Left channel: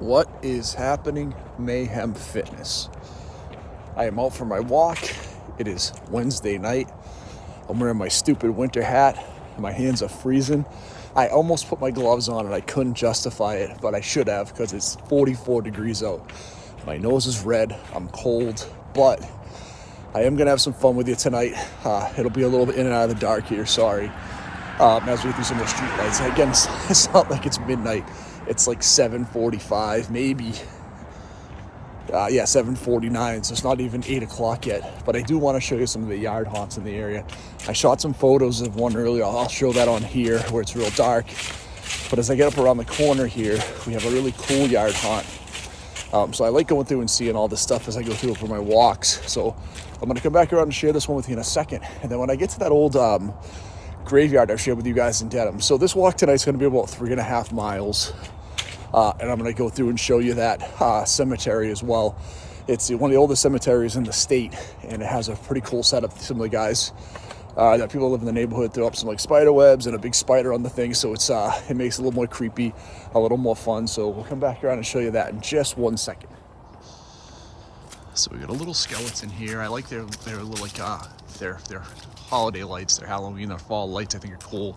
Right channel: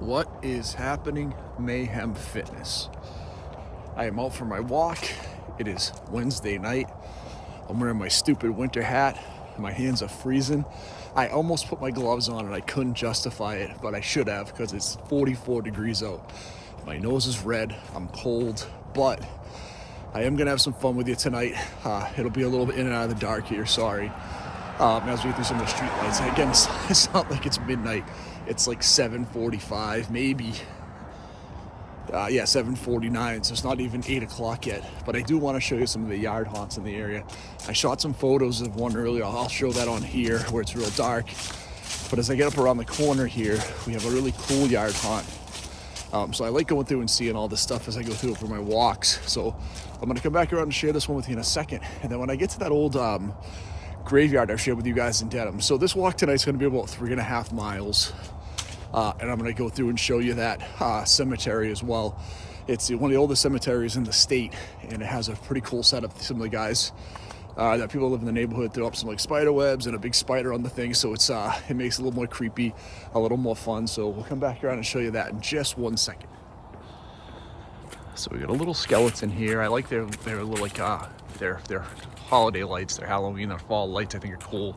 What is happening, Mayhem Fitness? I am out for my walk. It is Wednesday night. I'm wearing my stupid winter hat. My hands are freezing. I almost put my gloves on and I couldn't justify it, but I should have because it's 44 degrees out. My nose is red. I'm cold, but I am gonna have some fun with you tonight. It'll be a little bit in and out of the dark here, sorry. As we get through some of the street lights. Again, it's not like it's midnight. It's like 7:45, maybe. 7:49, so it's not even 8 o'clock yet. But I do want to show you some of the yard haunts in the area. I shot some photos of one earlier. I'll show that on here where it's real dark. But as I get up around the corner here, we have a really cool yard haunt. So I like going through and seeing all this stuff as I go through it for my walks. So I'm going to come back around and share this one with you in a second. And then when I get to that old graveyard I've shared with you guys in Dedham. So this walk tonight is going to be about 3.5 miles. And I'm going to go through and show you that cemetery as well. It's one of the oldest cemeteries in the state, and it has a pretty cool setup. Some of the guys that people live in the neighborhood throw up some like spider webs and a big spider on the thing, so it's it makes it a little more creepy, a little more fun. So we'll come back around and show you that in just 1 second. So we got a little skeleton here. I like their little like their holiday lights, their Halloween or fall lights. I think are cool.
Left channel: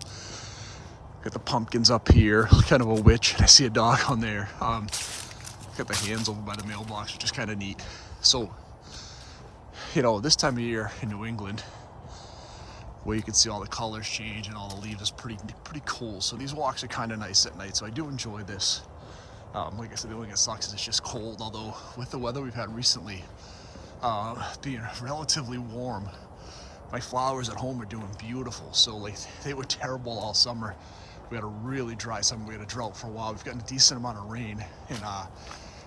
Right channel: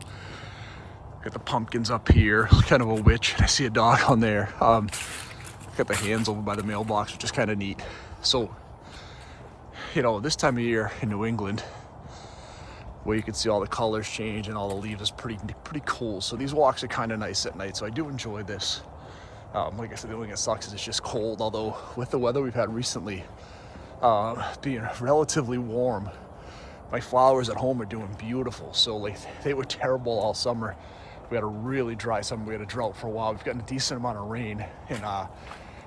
Got the pumpkins up here, kind of a witch. I see a dog on there. Got the hands over by the mailbox, which is kind of neat. So, you know, this time of year in New England, where you can see all the colors change and all the leaves is pretty cool. So these walks are kind of nice at night. So I do enjoy this. Like I said, the only thing that sucks is it's just cold. Although with the weather we've had recently, being relatively warm, my flowers at home are doing beautiful. So like they were terrible all summer. We had a really dry summer. We had a drought for a while. We've gotten a decent amount of rain and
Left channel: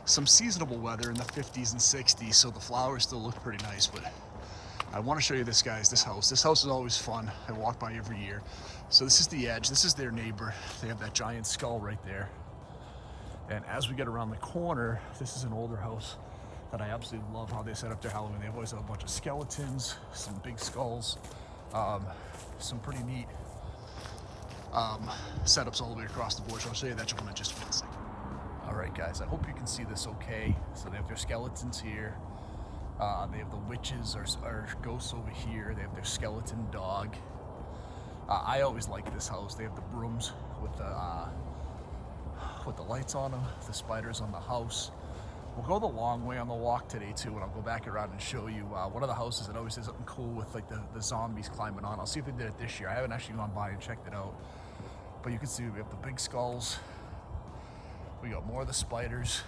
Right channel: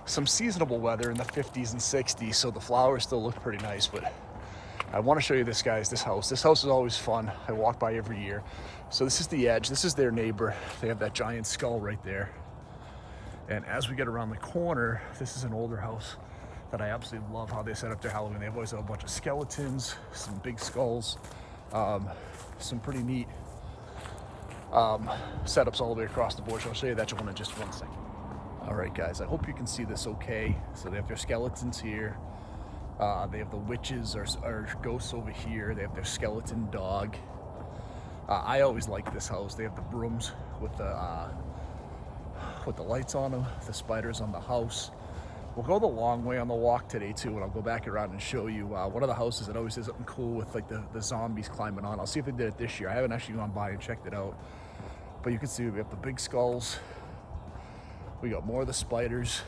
some seasonable weather in the 50s and 60s. So the flowers still look pretty nice. But I want to show you this, guys, this house. This house is always fun. I walk by every year. So this is the edge. This is their neighbor. They have that giant skull right there. And as we get around the corner, this is an older house that I absolutely love how they set up their Halloween. They've always had a bunch of skeletons, some big skulls, some pretty neat setups all the way across the board. So I'll show you that one in just 1 second. All right, guys, I hope you can see this okay. So they have their skeletons here. They have the witches or ghosts over here. They have their skeleton dog. I always like this house. They have the brooms with the lights on them, the spiders on the house. We'll go the long way on the walk today too, and I'll go back around and show you one of the houses that always does something cool with like the zombies climbing on. I'll see if they did it this year. I haven't actually gone by and checked it out, but you can see we have the big skulls. We got more of the spiders.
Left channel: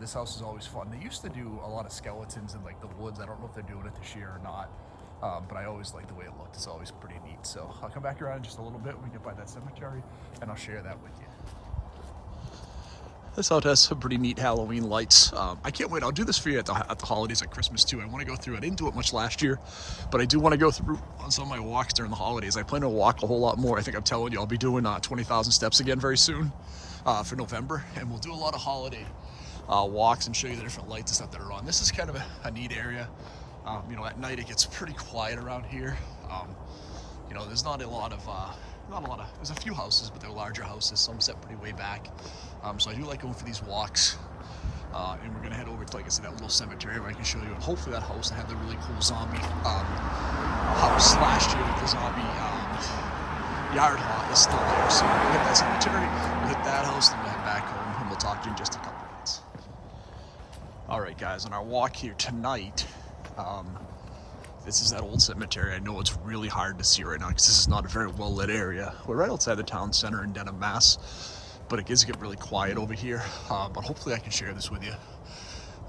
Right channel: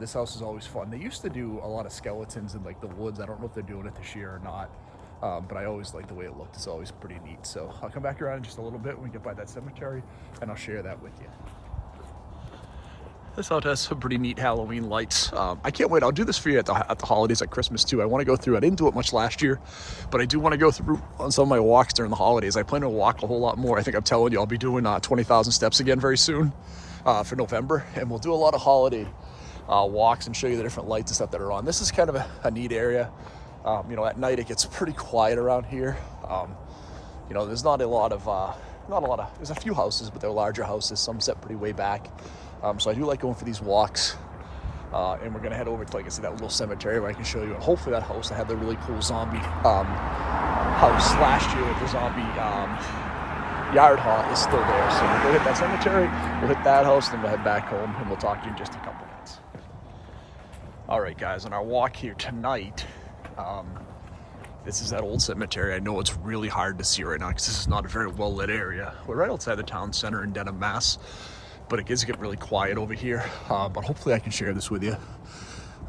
This house is always fun. They used to do a lot of skeletons in like the woods. I don't know if they're doing it this year or not, but I always like the way it looked. It's always pretty neat. So I'll come back around in just a little bit when we get by that cemetery, and I'll share that with you. This house has some pretty neat Halloween lights. I can't wait. I'll do this for you at the holidays, at Christmas too. I want to go through. I didn't do it much last year, but I do want to go through on some of my walks during the holidays. I plan to walk a whole lot more. I think I'm telling you, I'll be doing 20,000 steps again very soon for November, and we'll do a lot of holiday walks and show you the different lights and stuff that are on. This is kind of a neat area. You know, at night it gets pretty quiet around here. You know, there's not a lot of, there's a few houses, but they're larger houses. Some set pretty way back. So I do like going for these walks. And we're gonna head over to, like I said, that little cemetery where I can show you. And hopefully that house, I have the really cool zombie house last year with the zombie yard haunt is still there. So we'll go hit that cemetery, we'll hit that house, then we'll head back home, and we'll talk to you in just a couple minutes. All right, guys, on our walk here tonight, this is that old cemetery. I know it's really hard to see right now because this is not a very well lit area. We're right outside the town center in Dedham, Mass. But it does get really quiet over here. But hopefully I can share this with you.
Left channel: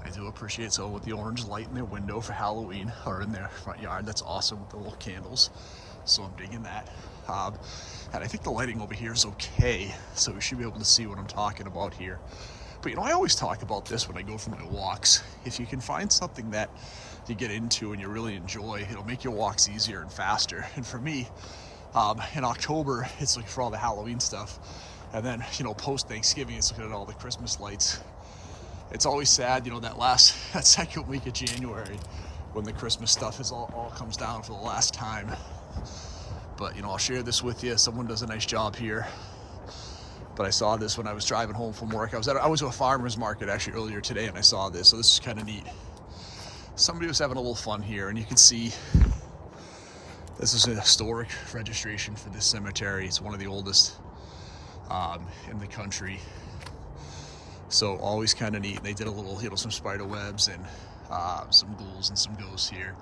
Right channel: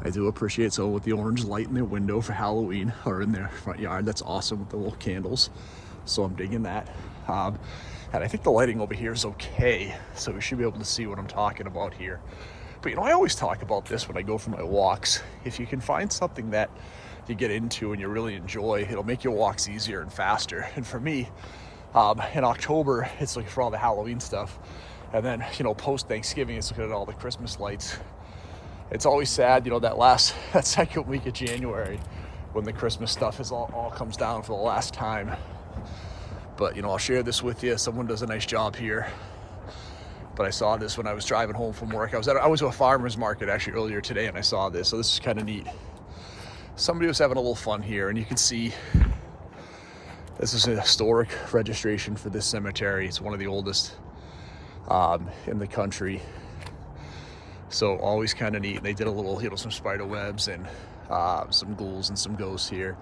I do appreciate someone with the orange light in their window for Halloween, or in their front yard. That's awesome with the little candles. So I'm digging that. And I think the lighting over here is okay. So we should be able to see what I'm talking about here. But you know, I always talk about this when I go for my walks. If you can find something that you get into and you really enjoy, it'll make your walks easier and faster. And for me, in October, it's like for all the Halloween stuff. And then, you know, post-Thanksgiving, it's looking at all the Christmas lights. It's always sad, you know, that second week of January when the Christmas stuff is all comes down for the last time. But, you know, I'll share this with you. Someone does a nice job here. but I saw this when I was driving home from work. I was at a farmer's market actually earlier today, and I saw this, so this is kind of neat. Somebody was having a little fun here, and you can see this is a historic registration for this cemetery. It's one of the oldest in the country, so always kind of neat. They did a little, some spider webs and some ghouls and some ghosts here,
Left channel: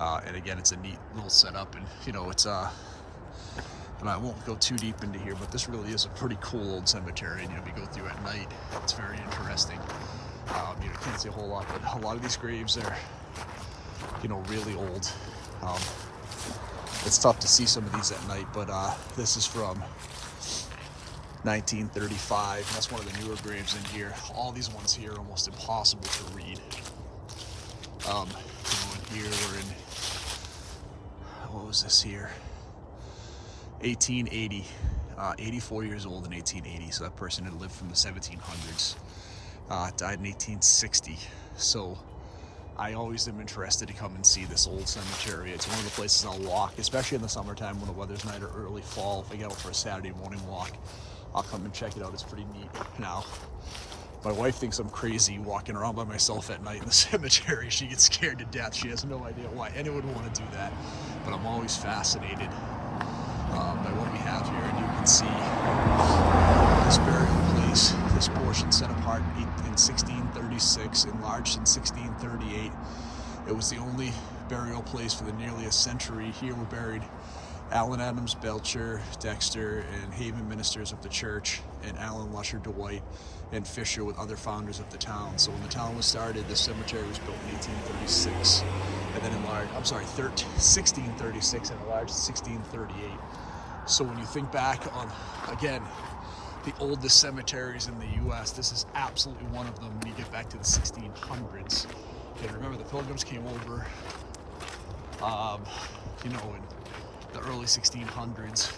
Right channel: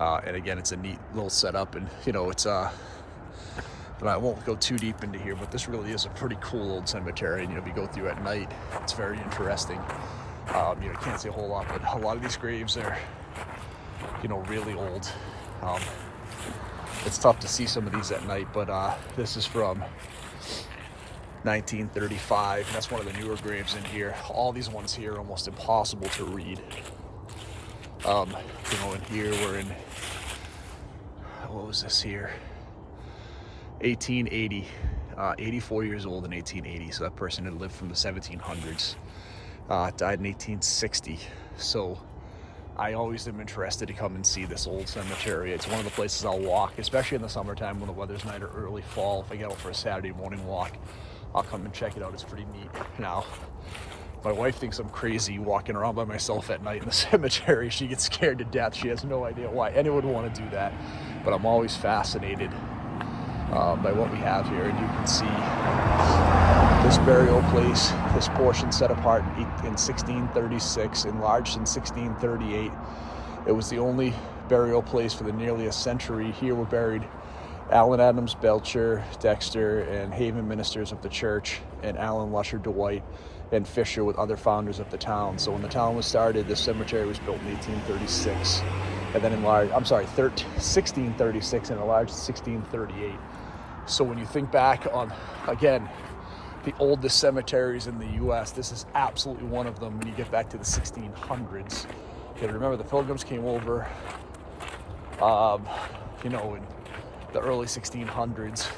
and again, it's a neat little setup. And it's and I won't go too deep into here, but this really is a pretty cool old cemetery. And we go through at night, it's very interesting. Can't see a whole lot, but a lot of these graves are really old. It's tough to see some of these at night, but this is from 1935. That's one of the newer graves in here. All these ones here are almost impossible to read. And here we're in, what was this here? 1880. 84 years old in 1880. So that person had lived from the 1700s. Died in 1860. So I always am interested to come and see this old cemetery. It's one of the places I'll walk, especially in the summertime when the weather's nice, or early fall. If I get out for a Saturday morning walk, I'll come and check it out. It's pretty neat. Now, my wife thinks I'm crazy walking around by myself at night in the cemetery. She gets scared to death. She has no idea why anyone would want to do that. But I'm always fascinated by what we have here. And you can see this burial place, this portion set apart in 1636, enlarged in 1638. It was the only burial place for the nearly a century. Here were buried Allen Adams Belcher, Dexter, and Haven ministers of the church, and Allen Lusher Dwight and Fisher with other founders of the town. So when the town was started, this cemetery was built in 1836, and then enlarged, 1636 and enlarged in 1638. So when you think back on, again, the oldest cemeteries in the U.S., this is absolutely one of them when you get back to the 1600s. Okay, remember the Pilgrims came over, in the early 1600s.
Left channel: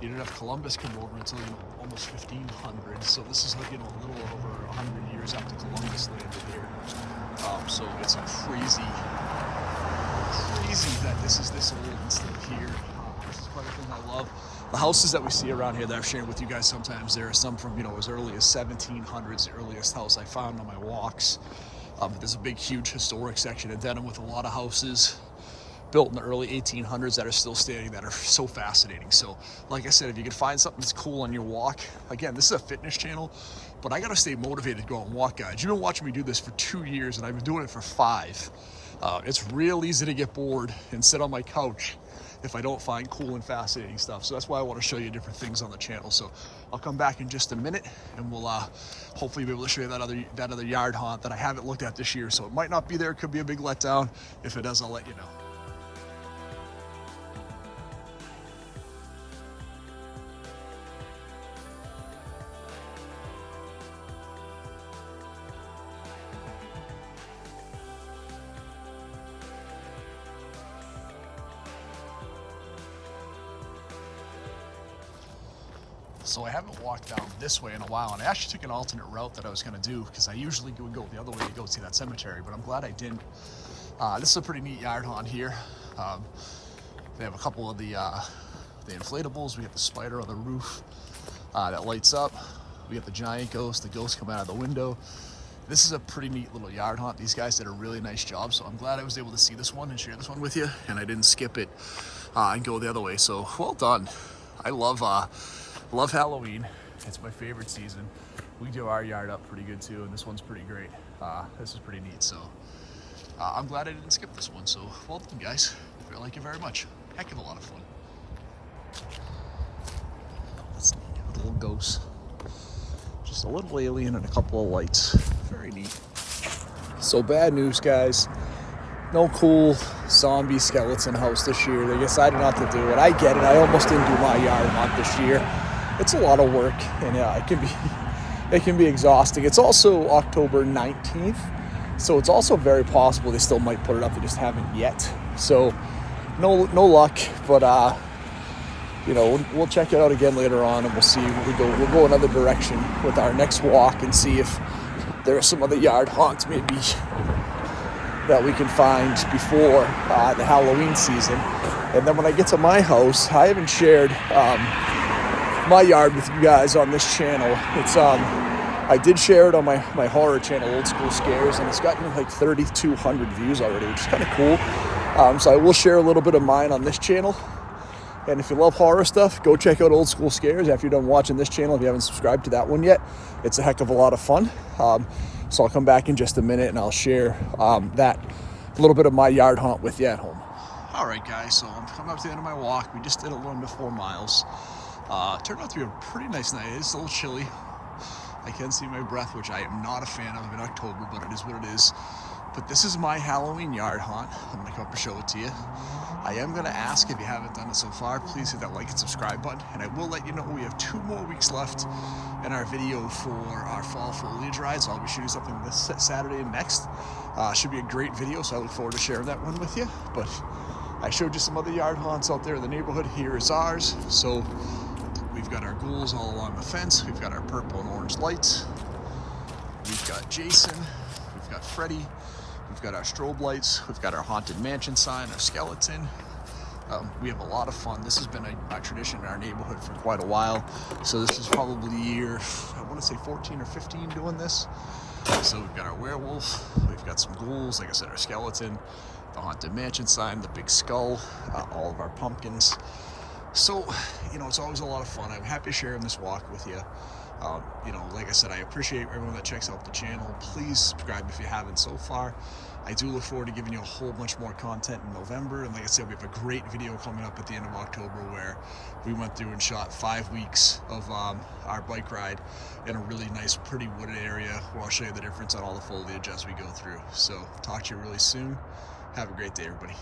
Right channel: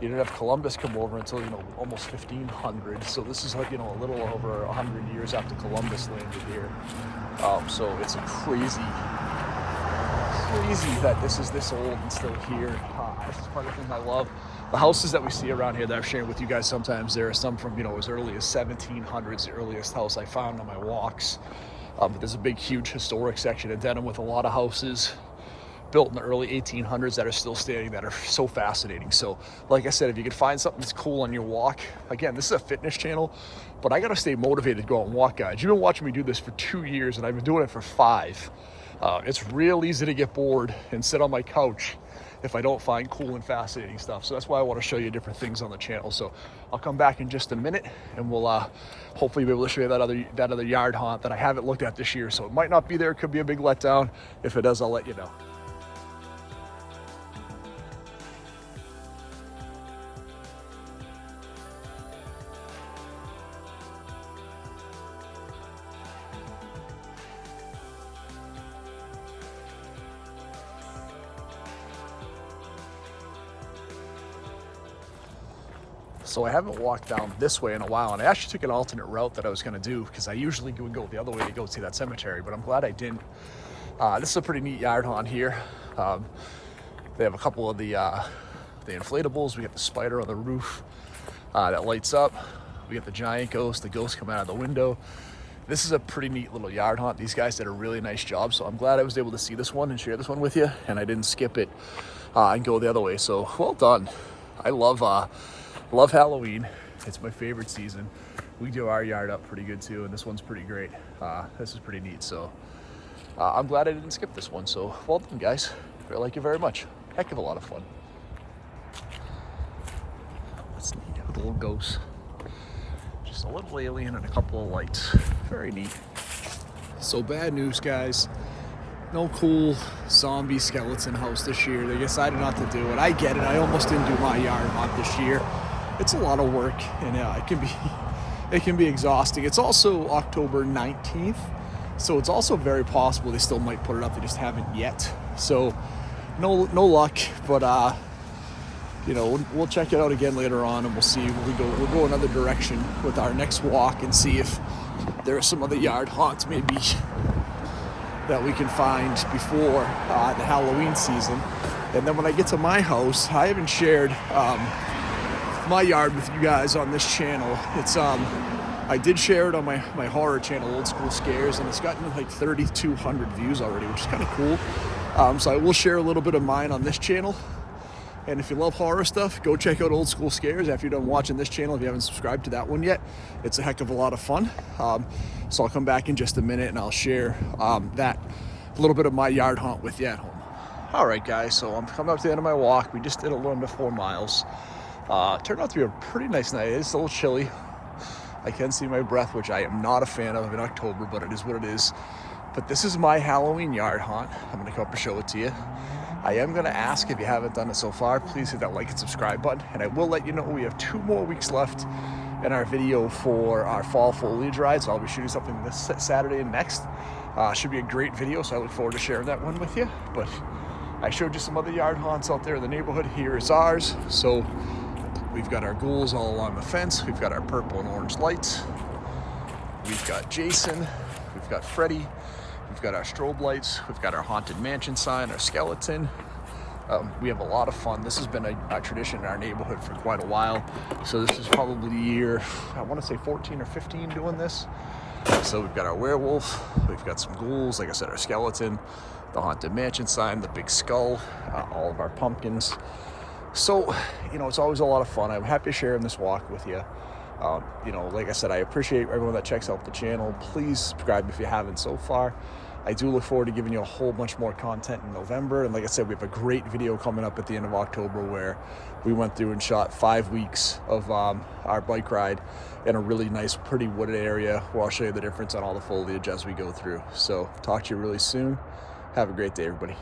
You didn't have Columbus come over until, almost 1500. So this is like, a little over 100 years after Columbus landed here. So it's a crazy that this is this old and still here. This is part of the thing I love. The houses that we see around here that I've shared with you guys sometimes, there are some from, as early as 1700s, the earliest house I found on my walks. But there's a big, huge historic section in Denham with a lot of houses built in the early 1800s that are still standing, that are so fascinating. So like I said, if you could find something that's cool on your walk, again, this is a fitness channel, but I got to stay motivated to go out and walk, guys. You've been watching me do this for 2 years, and I've been doing it for 5. It's real easy to get bored and sit on my couch if I don't find cool and fascinating stuff. So that's why I want to show you different things on the channel. So I'll come back in just a minute, and we'll hopefully be able to show you that other yard haunt that I haven't looked at this year. So it might not be there. It could be a big letdown. If it does, I'll let you know. So I haven't walked down this way in a while, and I actually took an alternate route that I was going to do, because I usually would go the other way to go see that cemetery, but I'm glad I didn't. This is a pretty neat yard haunt here. They have a couple of the inflatables. We got the spider on the roof that lights up. We got the giant ghost. The ghosts come out of the window. This is a pretty neat little yard haunt. These guys did a really nice job, so I'm glad I was able to see this one and share this one with you, and I didn't skip it and go the other way. So well done. I love Halloween. It's my favorite season. We do our yard up pretty good too, and this one's pretty great. This is pretty neat, so I'm glad I didn't skip this one. So well done, guys. I like it very much. Heck of a lot of fun. That's neat. A little ghost, just a little alien and a couple of lights. Very neat. So bad news, guys. No cool zombie skeleton house this year. They decided not to do it. I get it. I almost didn't do my yard haunt this year. It's a lot of work, and it can be exhausting. It's also October 19th, so it's also very possible they still might put it up. They just haven't yet. So no luck, but we'll check it out again later on, and we'll see. We'll go another direction with our next walk and see if there are some other yard haunts maybe that we can find before the Halloween season. And then when I get to my house, I haven't shared my yard with you guys on this channel. It's I did share it on my horror channel, Old School Scares, and it's gotten like 3,200 views already, which is kind of cool. So I will share a little bit of mine on this channel. And if you love horror stuff, go check out Old School Scares after you're done watching this channel. If you haven't subscribed to that one yet, it's a heck of a lot of fun. So I'll come back in just a minute and I'll share that little bit of my yard haunt with you at home. All right, guys, so I'm coming up to the end of my walk. We just did a little under 4 miles. Turned out to be a pretty nice night. It's a little chilly. I can see my breath, which I am not a fan of in October, but it is what it is. But this is my Halloween yard haunt. I'm gonna come up and show it to you. I am gonna ask, if you haven't done it so far, please hit that like and subscribe button. And I will let you know we have 2 more weeks left in our video for our fall foliage ride. So I'll be shooting something this Saturday and next. Should be a great video, so I look forward to sharing that one with you. But I showed you some other yard haunts out there in the neighborhood. Here is ours. So we've got our ghouls all along the fence. We've got our purple and orange lights. We've got Jason. We've got Freddy. We've got our strobe lights. We've got our haunted mansion sign, our skeleton. We have a lot of fun. This has been a tradition in our neighborhood for quite a while. So this is probably year, I want to say 14 or 15 doing this. So we've got our werewolf. We've got some ghouls. Like I said, our skeleton, the haunted mansion sign, the big skull, all of our pumpkins. So, you know, it's always a lot of fun. I'm happy sharing this walk with you. You know, like I said, I appreciate everyone that checks out the channel. Please subscribe if you haven't so far. I do look forward to giving you a whole bunch more content in November. And like I said, we have a great video coming up at the end of October where we went through and shot 5 weeks of our bike ride in a really nice, pretty wooded area where I'll show you the difference on all the foliage as we go through. So talk to you really soon. Have a great day, everybody.